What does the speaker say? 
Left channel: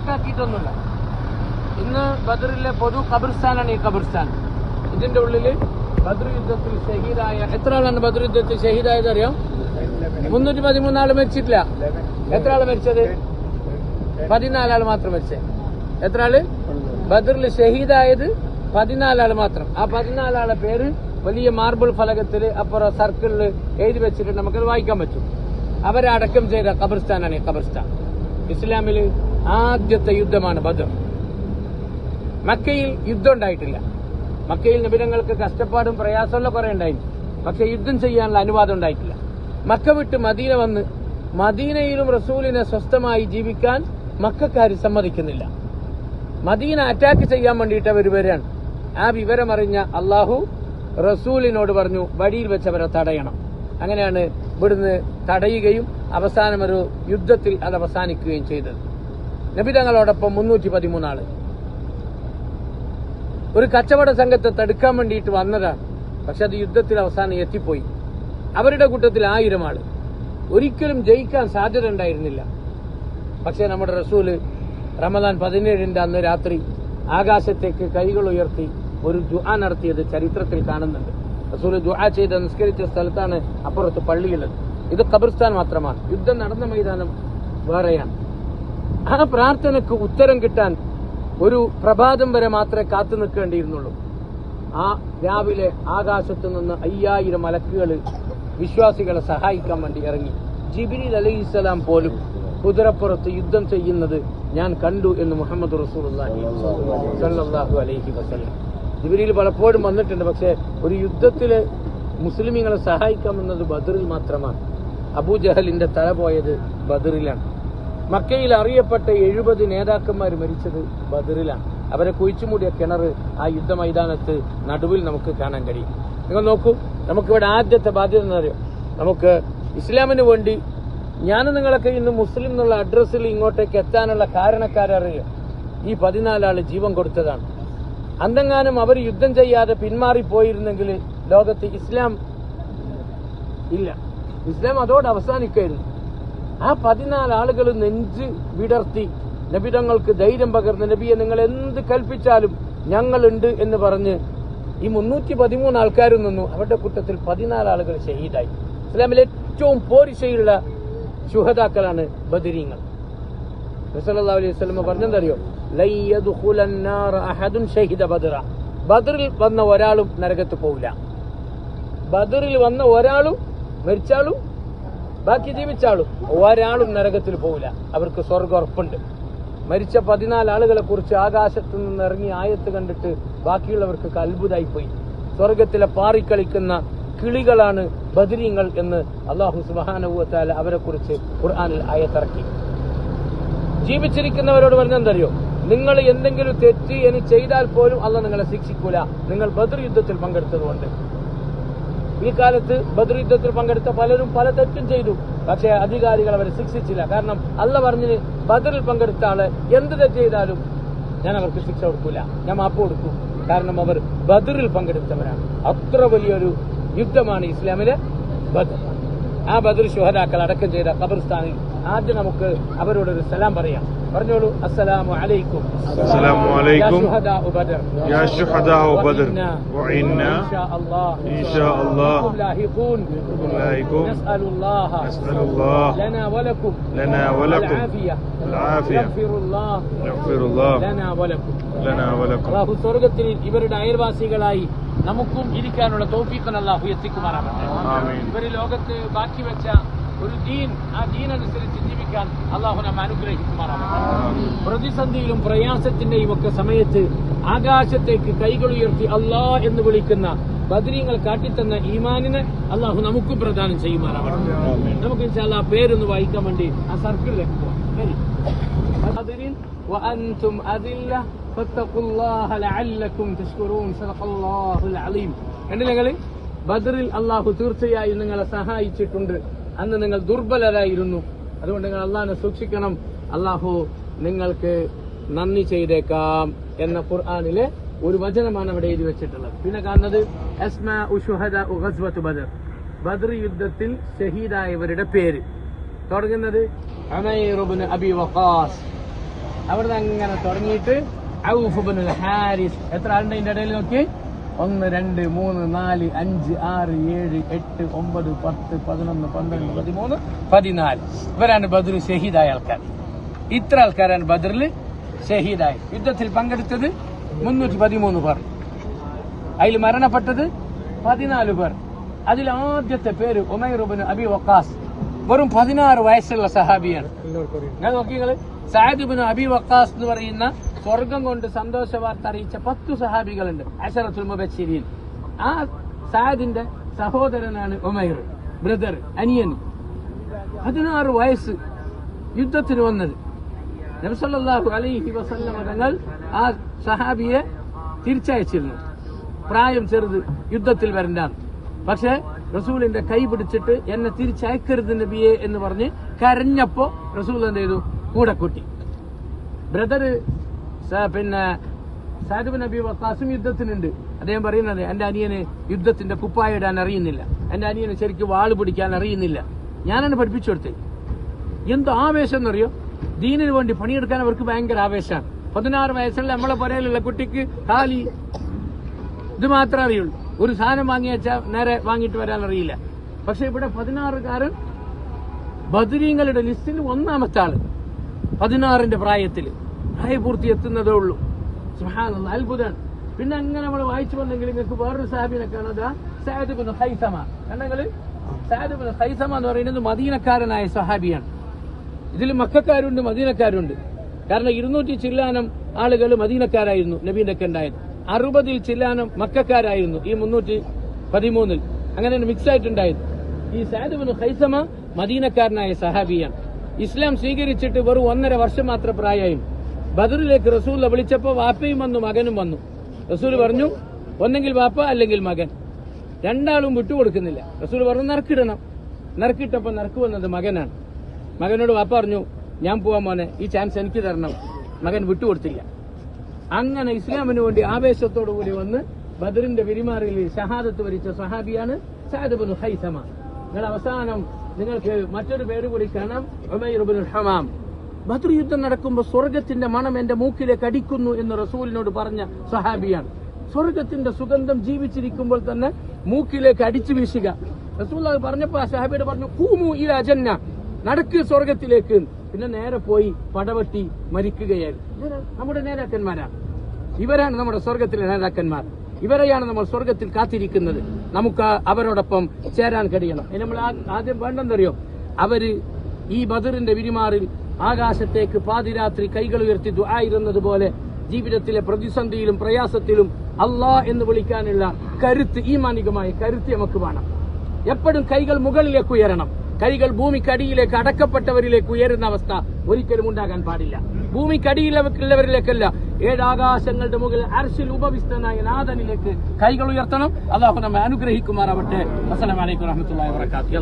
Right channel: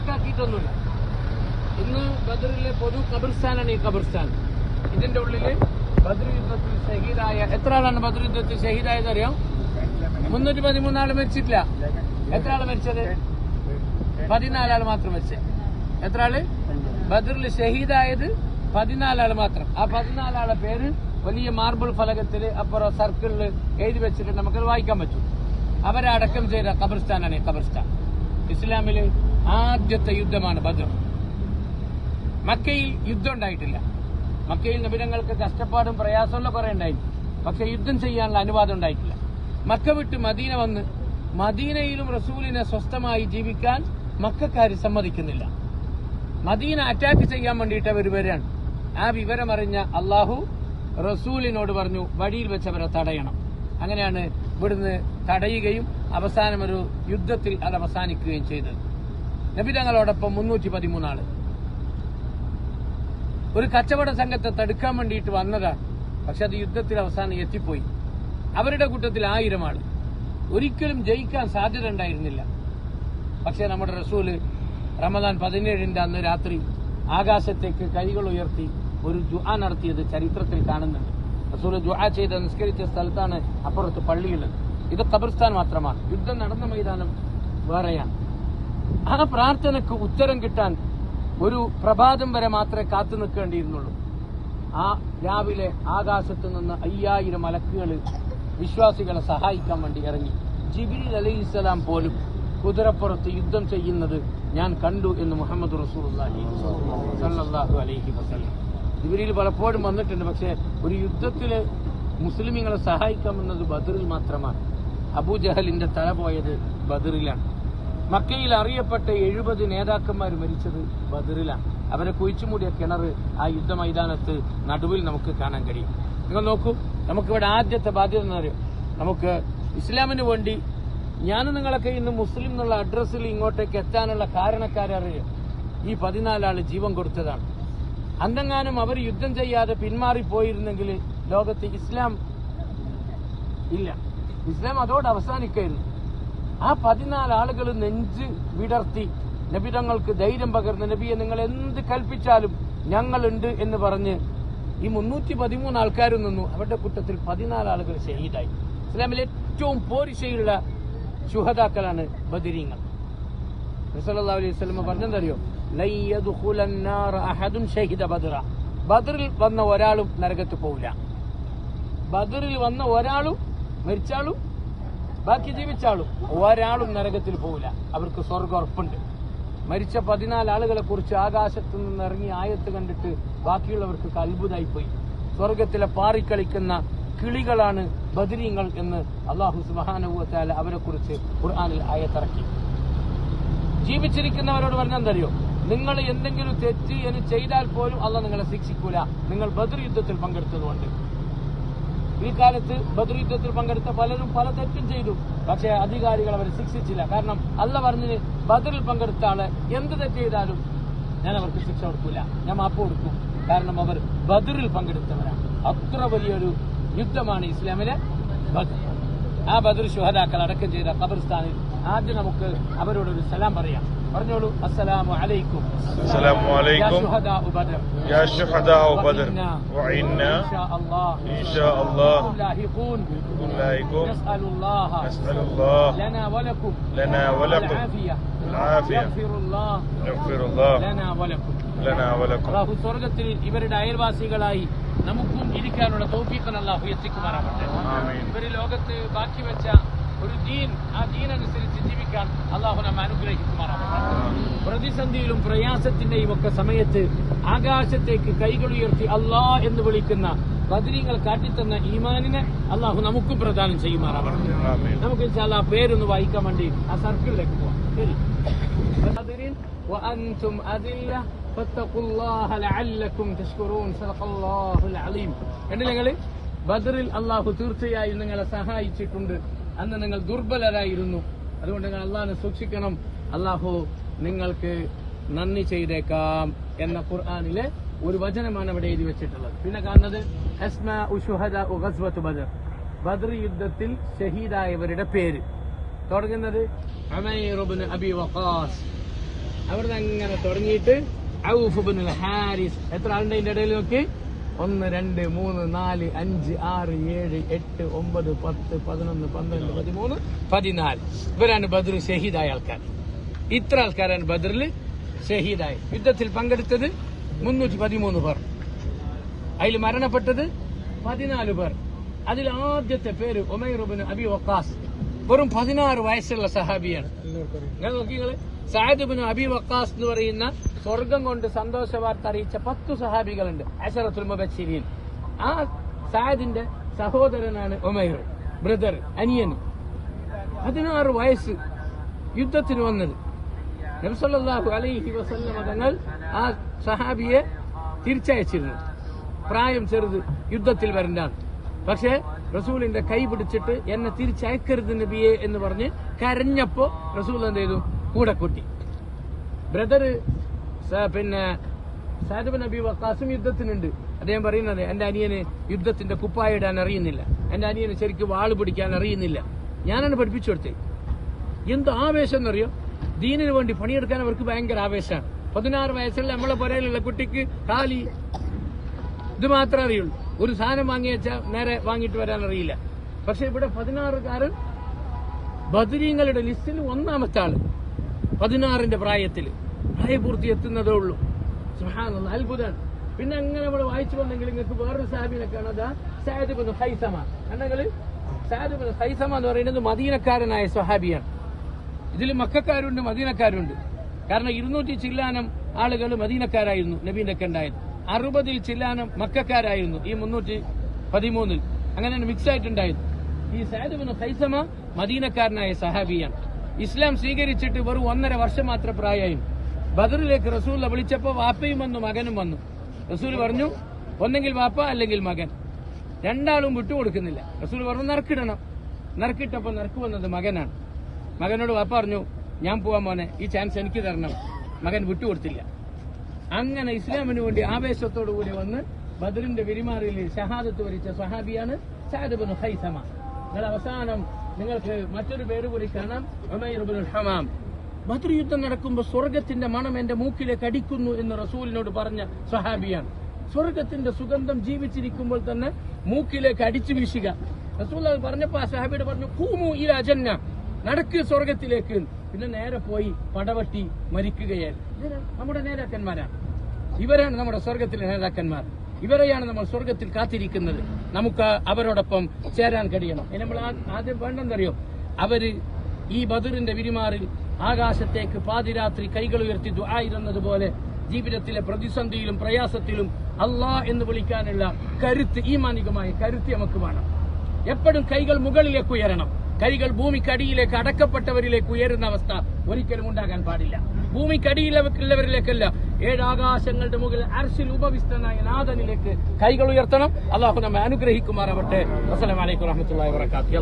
മാർക്കാക്കിയിട്ടൊന്നുമില്ല. ഇന്ന് ബദറിലെ പൊതു ഖബർസ്ഥാനാണ് ഈ ഖബർസ്ഥാൻ. ഇതിന്റെ ഉള്ളില് ബദർ യുദ്ധത്തിൽ ഷഹീദായ എത്ര ആളാണ് ബദർ യുദ്ധത്തിൽ ഷഹീദായത് അറിയോ? 313 ആള് മരിച്ചിട്ടില്ല. എത്ര ആള് മരിച്ചത്? 14 ആള് മാത്രം മരിച്ചത്. എത്ര ആള് ബദറിൽ ഷഹീദായത്? 14 ആള് മാത്രം. ആ 14 ആളെ പേര് വലിയ മാർബിൾ ഫലകത്തില് അപ്പുറം സർക്കിളിൽ എഴുതി വെച്ചിട്ട് നമുക്കത് വായിക്കാൻ പറ്റും. അവരെ അടക്കം ചെയ്ത ഖബർസ്ഥാനാണ് ഈ ഖബർസ്ഥാൻ. ഇസ്ലാമില് ആദ്യത്തെ യുദ്ധമാണ് ബദർ. മക്കയിൽ യുദ്ധം ഉണ്ടായിട്ടില്ല. മക്കയിൽ നബിതങ്ങൾക്ക് കഷ്ടപ്പാടും പ്രയാസമുള്ള കുറെ ഉണ്ടായിരുന്നു. പക്ഷെ യുദ്ധം ചെയ്യാനുള്ള അനുവാദം ഉണ്ടായിട്ടില്ല. മക്ക വിട്ട് മദീന വന്ന് മദീനയിലും റസൂലിനെ സ്വസ്ഥമായി ജീവിക്കാൻ മക്കാര് സമ്മതിക്കുന്നില്ല. മദീന അറ്റാക്ക് ചെയ്യാൻ വേണ്ടിയിട്ട് അവർ വരികയാണ്. ആ വിവരമറിഞ്ഞ അള്ളാഹു റസൂലിനോട് പറഞ്ഞു വഴിയിൽ വെച്ചവരെ തടയണം. അങ്ങനെയാണ് ഇവിടുന്ന് തടയുകയും അവസാനം ഒരു യുദ്ധത്തിൽ അത് അവസാനിക്കുകയും ചെയ്തത്. നബിതങ്ങളോടൊപ്പം 313 ആള് ഒരു കച്ചവട സംഘത്തെ തടുക്കാൻ വേണ്ടിയിട്ട് വന്നതാണ്. പക്ഷെ അത് യുദ്ധത്തിൽ അവസാനം എത്തിപ്പോയി. അവരുടെ കൂട്ടത്തിൽ 1000 ആള്. ഒരിക്കലും ജയിക്കാൻ സാധ്യത ഉണ്ടായിരുന്നില്ല. പക്ഷെ നമ്മുടെ റസൂല് റമദാൻ 17 അന്ന് രാത്രി ആകാശത്തേക്ക് കൈകൾ ഉയർത്തി ഒരു ദുആ നടത്തിയത് ചരിത്രത്തിൽ കാണുന്നുണ്ട്. റസൂല് ദുആ ചെയ്ത് നിസ്കരിച്ച സ്ഥലത്താണ് അപ്പുറത്ത് പള്ളിയുള്ളത്. ഇത് ഖബർസ്ഥാൻ മാത്രമാണ്. യുദ്ധം നടന്ന മൈതാനം വേറെയാണ്. ആ പ്രാർത്ഥനയ്ക്ക് ഉത്തരം കിട്ടാൻ ഒരു പ്രഭാതം വരെ മാത്രമേ കാത്തു നിൽക്കേണ്ടിയിരുന്നുള്ളൂ. ആ രാവിലെ ആകാശത്ത് നിന്ന് 5000 മലക്കുകൾ വിശ്വാസികളെ സഹായിക്കാൻ വേണ്ടി ഇറങ്ങി. ജിബ്രീൽ അലൈഹിസ്സലാം പോലും കുതിരപ്പുറത്ത് യുദ്ധം ചെയ്യുന്നത് ഞാൻ കണ്ടു എന്ന് മുഹമ്മദ് റസൂലുള്ളാഹി സ്വല്ലല്ലാഹു അലൈഹി വസല്ലം. ജിബ്രീൽ പലപ്പോഴും വന്നിട്ടുണ്ട്. പക്ഷേ ഒരു യുദ്ധത്തില് മുസ്ലിമീങ്ങളെ സഹായിക്കാമെന്നത് ബദറിൽ മാത്രമാണ്. അബൂജഹലിന്റെ തല പോയത് ബദറിലാണ്. മക്കയിൽ അറിയപ്പെട്ട 70 നേതാക്കന്മാർ മരിച്ചത് ബദറിലാണ്. അവരെ കുഴിച്ചുമൂടിയ കിണർ ആ യുദ്ധ മൈതാനത്ത് നടുവിൽ നമുക്ക് കാണാൻ കഴിയും. നിങ്ങൾ നോക്കൂ, നമുക്കിവിടെ ആദ്യത്തെ ബാധ്യത എന്ന് അറിയാം. നമുക്ക് ഇസ്ലാമിന് വേണ്ടി ഞാനും നിങ്ങളൊക്കെ ഇന്ന് മുസ്ലിം എന്നുള്ള അഡ്രസ്സിൽ ഇങ്ങോട്ടേക്ക് എത്താനുള്ള കാരണക്കാരറിയോ? ഈ 14 ആള് ജീവൻ കൊടുത്തതാണ്. അന്തെങ്ങാനും അവർ യുദ്ധം ചെയ്യാതെ പിന്മാറിപ്പോയിരുന്നെങ്കിൽ ലോകത്ത് ഇസ്ലാം ഇല്ല. ഇസ്ലാം അതോടെ അവസാനിക്കായിരുന്നു. ആ 14 ആളുകൾ നെഞ്ച് വിടർത്തി നബിതങ്ങൾക്ക് ധൈര്യം പകർന്ന് നബിയെ നിങ്ങൾ എന്ത് കൽപ്പിച്ചാലും ഞങ്ങളുണ്ട് എന്ന് പറഞ്ഞ് ഈ 313 ആൾക്കാരും നിന്നു. അവരുടെ കൂട്ടത്തിൽ 14 ആളുകൾ ഷഹീദായി. ഇസ്ലാമിലെ ഏറ്റവും പോരിശയുള്ള ശുഹദാക്കളാണ് ബദരീങ്ങൾ. നബി സല്ലല്ലാഹു അലൈഹി വസല്ലം പറഞ്ഞെന്തറിയോ? ലൻ യദ്ഖുലൻ നാറ അഹദുൻ ഷഹീദ ബദറ. ബദറിൽ വന്ന ഒരാളും നരകത്ത് പോവില്ല. ബദറിൽ വന്ന ഒരാളും മരിച്ചാളും ബാക്കി ജീവിച്ചാളും ഒരാളും നരകത്തിൽ പോവില്ല. അവർക്ക് സ്വർഗ്ഗം ഉറപ്പുണ്ട്. മരിച്ച 14 ആളുകളെ കുറിച്ച് ആകാശത്തു നിന്ന് ഇറങ്ങി ആയത്ത് കണ്ടിട്ട് ബാക്കിയുള്ളവർക്ക് അത്ഭുതമായിപ്പോയി. സ്വർഗത്തിലെ പാറിക്കളിക്കുന്ന കിളികളാണ് ബദരീങ്ങൾ എന്ന് അല്ലാഹു സുബ്ഹാനഹു വ തആല അവരെ കുറിച്ച് ഖുർആനിൽ ആയത്തിറക്കി. ജീവിച്ചിരിക്കുന്നവരോട് പറഞ്ഞെന്തറിയോ? നിങ്ങൾ എന്തെങ്കിലും തെറ്റ് ഇനി ചെയ്താൽ പോലും അല്ലാഹു നിങ്ങളെ ശിക്ഷിക്കൂല, നിങ്ങൾ ബദർ യുദ്ധത്തിൽ പങ്കെടുത്തതുകൊണ്ട്. ഈ കാലത്ത് ബദർ യുദ്ധത്തിൽ പങ്കെടുത്ത പലരും പല തെറ്റും ചെയ്തു. പക്ഷേ അധികാരികൾ അവരെ ശിക്ഷിച്ചില്ല. കാരണം അല്ലാഹു പറഞ്ഞത് ബദറിൽ പങ്കെടുത്ത ആളെ എന്ത് തെറ്റ് ചെയ്താലും ഞാൻ അവർക്ക് ശിക്ഷ കൊടുക്കൂല, ഞാൻ മാപ്പ് കൊടുക്കും. കാരണം അവർ ബദറിൽ പങ്കെടുത്തവരാണ്. അത്ര വലിയൊരു യുദ്ധമാണ് ഇസ്ലാമിലെ ബദർ. ആ ബദർ ശുഹദാക്കൾ അടക്കം ചെയ്ത ഖബർസ്ഥാനിൽ ആദ്യം നമുക്ക് അവരോടൊരു സലാം പറയാം. പറഞ്ഞോളൂ, അസ്സലാമു അലൈക്കും. അസ്സലാമു അലൈക്കും. യാ ശുഹദാഉ ബദർ. യാ ശുഹദാഉ ബദർ. വഇന്നാ ഇൻഷാഅല്ലാഹ് ലാഹിഖൂൻ. നസ്അലുല്ലാഹ ലനാ വലക്കും العافية يغفر الله لنا ولكم. അല്ലാഹു സ്വർഗ്ഗത്തിൽ ഇവരുടെ അയൽവാസികളായി നമുക്കും ഇരിക്കാനുള്ള തൗഫീഖ് അല്ലാഹു എത്തിക്കുമാറാകട്ടെ. ഇവർ ലോകത്ത് ബാക്കി വെച്ച ഒരു ദീൻ, ആ ദീൻ അനുസരിച്ച് ജീവിക്കാൻ അല്ലാഹു നമ്മെ അനുഗ്രഹിക്കുമാറാകട്ടെ. പ്രതിസന്ധിയിലും പ്രയാസത്തിന്റെയും ഒക്കെ സമയത്ത് ആകാശത്തേക്ക് കൈകൾ ഉയർത്തി അല്ലാഹ് എന്ന് വിളിക്കുന്ന ബദരീങ്ങൾ കാട്ടിത്തന്ന ഈമാനിനെ അല്ലാഹു നമുക്കും പ്രദാനം ചെയ്യുമാറാകട്ടെ. നമുക്ക് ഇൻഷാ അല്ലാഹ് പേരൊന്ന് വായിക്കാൻ വേണ്ടി ആ സർക്കിളിലേക്ക് പോവാം. ശരി. وأنتم أذلة فاتقوا الله لعلكم تشكرون صدق الله العظيم. നിങ്ങൾ ബദറിൽ അല്ലാഹു തീർച്ചയായും നിങ്ങളെ സഹായിച്ചിട്ടുണ്ട്. അന്ന് നിങ്ങൾ ദുർബലരായിരുന്നു. അതുകൊണ്ട് നിങ്ങൾ അല്ലാഹുവിനെ സൂക്ഷിക്കണം. അല്ലാഹു നിങ്ങൾക്ക് നന്ദി ചെയ്തേക്കാം എന്ന ഖുർആനിലെ ഒരു വചനമാണ് അവിടെ എഴുതി വെച്ചിട്ടുള്ളത്. പിന്നെ കാണുന്നത് അസ്മാഉ ശുഹദാഉ ഗസ്വത്ത് ബദർ. ബദർ യുദ്ധത്തിൽ ഷഹീദായവരുടെ പേര് തുടങ്ങുന്നത് ഉമൈർ ഇബ്നു അബി വഖാസ്, അവിടുന്ന് അങ്ങനെ തുടങ്ങിയിട്ട് ഔഫ് ഇബ്നുൽ ഹാരിസ്, എത്ര ആളുണ്ട് ഇതിന്റെ ഇടയിൽ നോക്കി? 1, 2, 3, 4, 5, 6, 7, 8, 9, 10, 11, 12, 13, 14. ഇവരാണ് ബദർ ഷഹീദായ ആൾക്കാർ. ഇത്ര ആൾക്കാരാണ് ബദറിൽ ഷഹീദായി. യുദ്ധത്തിൽ പങ്കെടുത്തത് 313 പേർ. അതിൽ മരണപ്പെട്ടത് 14 പേർ. അതിൽ ആദ്യത്തെ പേര് ഉമൈർ ഇബ്നു അബി വഖാസ്. വെറും 16 വയസ്സുള്ള സഹാബിയാണ്. ഞാൻ നോക്കിയത് സഅദ് ഇബ്നു അബി വഖാസ് എന്ന് പറയുന്ന സ്വർഗം കൊണ്ട് സന്തോഷ വാർത്ത അറിയിച്ച 10 സഹാബികളുണ്ട്, അശറത്തുൽ മുബശ്ശിരീൻ. ആ സഅദിന്റെ സഹോദരനാണ് ഉമൈർ, ബ്രദർ, അനിയൻ. 16 വയസ്സ് യുദ്ധത്തിന് വന്നത്. നബി സല്ലല്ലാഹു അലൈഹി വസല്ലമ തങ്ങൾ ആ സഹാബിയെ തിരിച്ചയച്ചിരുന്നു. പ്രായം ചെറുത്, യുദ്ധത്തിൽ വരണ്ടാണ്. പക്ഷെ റസൂലിന്റെ കൈ പിടിച്ചിട്ട് എന്നെ തിരിച്ചയക്കരുത് നബിയെ എന്ന് പറഞ്ഞ് കരഞ്ഞപ്പോ റസൂൽ എന്ത് ചെയ്തു? കൂടെ കൂട്ടി. ബ്രദർ പിന്നെ സഅദ് ഇബ്നു അബി വഖാസും യുദ്ധത്തിനുണ്ട്. അദ്ദേഹം പറയുന്നത് എന്റെ അനിയന് യുദ്ധത്തിന്റെ കുപ്പായ ഇടാൻ അറിയുന്നില്ല, എന്റെ അനിയന് ശരിക്കും വാള് പിടിക്കാൻ അറിയുന്നില്ല. ഞാനാണ് പഠിപ്പിച്ചു കൊടുത്തത്. എന്ത് ആവേശം എന്നറിയോ? ദീനിന് വേണ്ടി പണിയെടുക്കാൻ അവർക്ക് ഭയങ്കര ആവേശമാണ്. 16 വയസ്സുള്ള നമ്മളെ പുരയിലുള്ള കുട്ടിക്ക് ഖാലി ഇത് മാത്രമേ അറിയുള്ളൂ. ഒരു സാധനം വാങ്ങി വെച്ചാൽ നേരെ വാങ്ങിയിട്ട് വരാൻ അറിയില്ല. പക്ഷെ ഇവിടെ 16കാരൻ ബദരീങ്ങളുടെ ലിസ്റ്റിൽ 1ാമത്തെ ആള്, 16ന്റെ പ്രായത്തിൽ, പ്രായപൂർത്തി എത്തുന്നതേ ഉള്ളൂ. സുബ്ഹാനല്ലാഹ്, അത്ഭുതമാണ്. പിന്നെ അങ്ങനെ നമ്മൾ വായിച്ചു വന്നെങ്കിൽ നിങ്ങൾക്ക് വേറൊരു സാഹിബിനെ കാണുക, സഅദ് ഇബ്നു ഖൈസമ. കണ്ടെങ്കിൽ സഅദ് ഇബ്നു ഖൈസമ എന്ന് പറയുന്നത് മദീനക്കാരനായ സ്വഹാബിയാണ്. ഇതിൽ മക്കക്കാരുണ്ട്, മദീനക്കാരുണ്ട്. കാരണം 200 ചില്ലാനം ആളുകൾ മദീനക്കാരായിരുന്നു നബീന്റെ ഒക്കെ ഉണ്ടായത്. 60 ചില്ലാനം മക്കക്കാരായിരുന്നു ഈ 313. അങ്ങനെ മിക്സ് ആയിട്ടുണ്ടായത്. ഈ സഅദ് ഇബ്നു ഖൈസമ മദീനക്കാരനായ സഹാബിയാണ്. ഇസ്ലാം സ്വീകരിച്ചിട്ട് വെറും 1.5 വർഷം മാത്രം പ്രായമായിരുന്നു. ബദറിലേക്ക് റസൂൽ വിളിച്ചപ്പോ വാപ്പയും വന്നു, മകനും വന്നു. റസൂൽ പറഞ്ഞു ഒന്നെങ്കിൽ വാപ്പ അല്ലെങ്കിൽ മകൻ, രണ്ടാളും വിട്ടുകൊടുക്കുന്നില്ല. റസൂൽ പറഞ്ഞു നറുക്കിടണം. നറുക്കിട്ടപ്പോ നറുക്ക് വന്നത് മകനാണ്. മകനോട് വാപ്പ പറഞ്ഞു ഞാൻ പോവാൻ മോനെ, ഈ ചാൻസ് എനിക്ക് തരണം. മകൻ വിട്ടുകൊടുത്തില്ല. അങ്ങനെ ഇസ്ലാമിന് വേണ്ടി ആവേശത്തോടു കൂടി വന്ന് ബദറിന്റെ വിരിമാറിൽ ഷഹാദത്ത് വരിച്ച സഹാബിയാണ് സഅദ് ഇബ്നു ഖൈസമ. നിങ്ങൾ അവസാനം നിങ്ങൾക്ക് മറ്റൊരു പേര് കൂടി കാണാം, ഉമൈർ ഇബ്നുൽ ഹമാം. ബദർ യുദ്ധം നടക്കുമ്പോൾ സ്വർഗത്തിന്റെ മണം എന്റെ മൂക്കിലേക്ക് അടിക്കുന്നു എന്ന് റസൂലിനോട് പറഞ്ഞ സഹാബിയാണ്. സ്വർഗത്തിന്റെ സുഗന്ധം ജീവിച്ചിരിക്കുമ്പോൾ തന്നെ മൂക്കിലേക്ക് അടിച്ചു വീശുക. റസൂൽ പറഞ്ഞപ്പോ ആ സഹാബിയോട് പറഞ്ഞു ഖൂമു ഇലാ ജന്ന, നടക്ക് സ്വർഗത്തിലേക്ക്. പിന്നെ നേരെ പോയി പടവട്ടി മരിക്കുകയായിരുന്നു. നമ്മുടെ നേതാക്കന്മാരാണ്. ഇവരാണ് നമ്മുടെ സ്വർഗത്തിലെ നേതാക്കന്മാർ. ഇവരെയാണ് നമ്മൾ സ്വർഗത്തിൽ കാത്തിരിക്കുന്നത്. നമുക്ക് അവരോടൊപ്പം ചേരാൻ കഴിയണം. ഇനി നമ്മൾ ആദ്യം വേണ്ടെന്നറിയോ, അവര് ഈ ബദറിന്റെ വിരിമാറിൽ ആകാശത്തേക്ക് പാതിരാത്രി കൈകൾ ഉയർത്തി ദുആ ഇരുന്നതുപോലെ ജീവിതത്തിലെ പ്രതിസന്ധിയിലും പ്രയാസത്തിലും അല്ലാഹ് എന്ന് വിളിക്കാനുള്ള കരുത്ത്, ഈമാനികമായ കരുത്ത് നമുക്ക് വേണം. എപ്പോഴും കൈകൾ മുകളിലേക്ക് ഉയരണം. കൈകൾ ഭൂമിക്കടിയിലേക്ക് അടക്കപ്പെട്ടവരിലേക്ക് ഉയരുന്ന അവസ്ഥ ഒരിക്കലും ഉണ്ടാകാൻ പാടില്ല. ഭൂമിക്കടിയിലുള്ളവരിലേക്കല്ല, 7 ആകാശങ്ങളുടെ മുകളിൽ അർശിൽ ഉപവിഷ്ടനായ നാഥനിലേക്ക് കൈകൾ ഉയർത്തണം. അല്ലാഹു നമ്മെ അനുഗ്രഹിക്കുമാറാവട്ടെ. അസ്സലാമു അലൈക്കും വറഹ്മത്തുള്ളാഹി വബറകാതുഹു.